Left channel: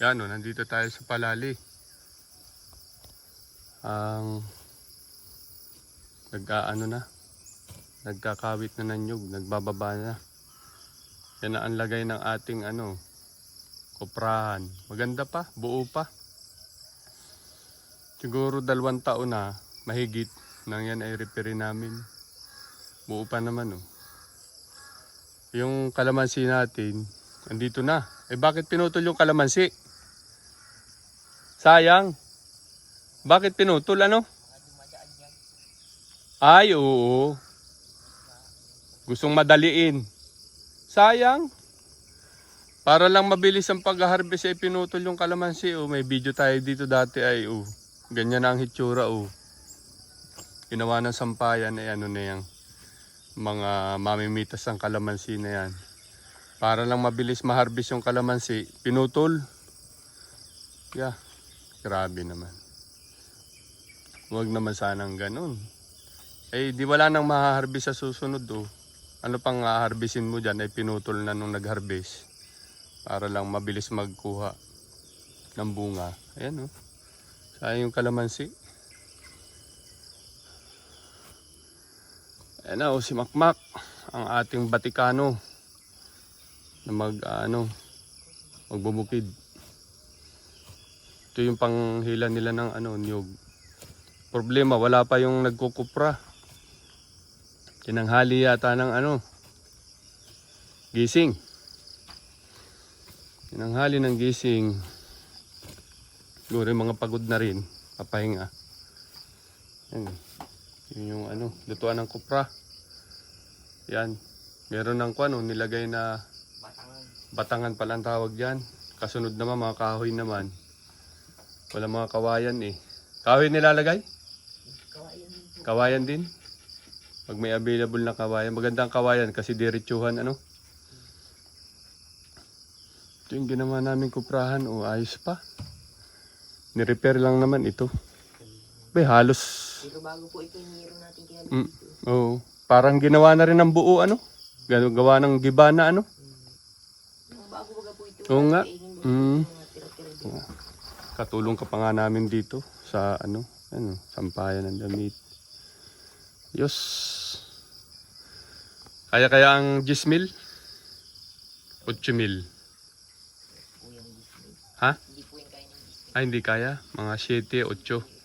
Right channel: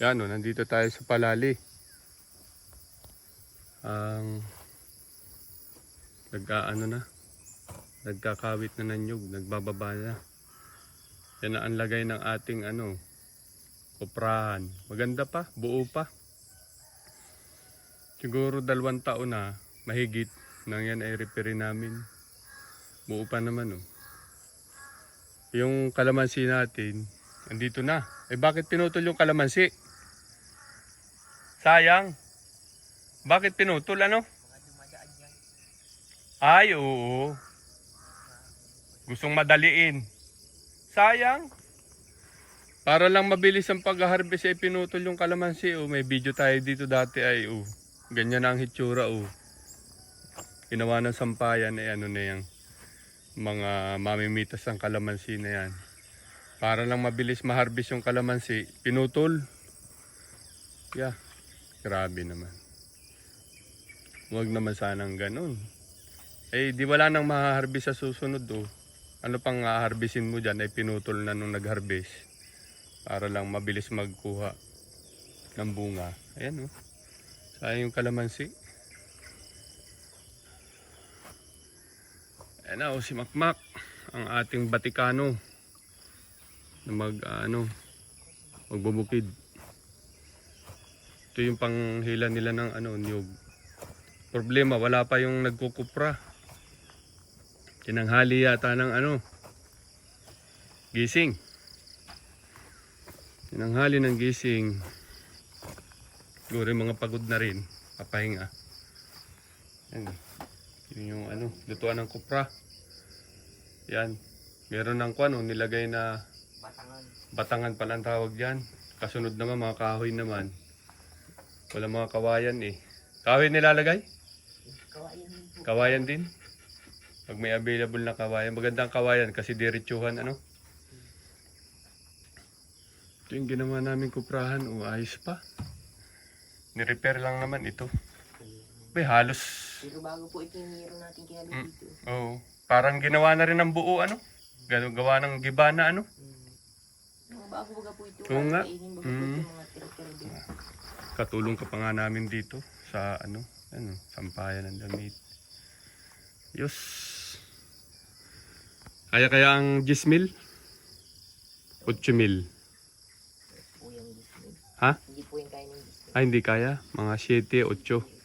Yan o, nandito tayo sa Palali. Ang nagkakawit na ng nyug, nagbababa na. Yan ang lagay ng ating kuprahan. Maganda pa, buo pa. Siguro 2 taon na mahigit nang yan ay repair namin. Buo pa naman oh. Yung kalamansi natin, andito na. Eh bakit pinutol yung kalamansi? Sayang. Bakit pinutol ano? Ay oo. Gustong madaliin. Sayang. Para lang mabilis ang pag-harvest ay pinutol yung kalamansi oh. May video tayo dito dati ay oh. Ganyan na ang hitsura oh. Ginawa ng sampayan ay na yan. Mga mamimitas ng kalamansi na yan. Para lang mabilis ma-harvest yung kalamansi, pinutol. Yeah, grabe naman. Huwag naman sanang ganun. Eh, di wala nang ma-harvest sa susunod oh. Ano pang harvestin mo dyan ay pinutol na nung nag-harvest. Para lang mabilis magkuha ng bunga. Ayan oh. Sayang yung kalamansi. Ayan na oh, si Makmak. Ang ating Batikano. Na magbubukid. Ito yung panghila nila ng niyog. Problema, wala pa yung nagkukupra. Tinanghali yata ng gising. Tinanghali ng gising. Siguro mga pagod na rin, papahinga. Yan. Yun yung lutuan ng kupra. Yan. Meron ng nilagay na batangan pala ang tawag yan. Kasunod naman mga kahoy naman. Wala mga kawayan eh. Kahoy nilalagay? Kawayan din. Pag may available na kawayan. Magandang kawayan kasi diretsuhan Ito yung ginawa namin kuprahan. Ayos pa. Ni-repair lang naman ito. Bay, halos. Pero bago po ito yung meron natin kinabit dito. Oo. Parang ginawa na rin ng buo gawa ng gibana Bago baga po ito. Oo nga. Mga tira-tira din. Katulong ka pa nga namin dito sa sampayan ng damit. Yos. Kaya ang 10,000? 8,000. Ha? Hindi po yung kaya ng Ay, hindi kaya. Mga 7, 8.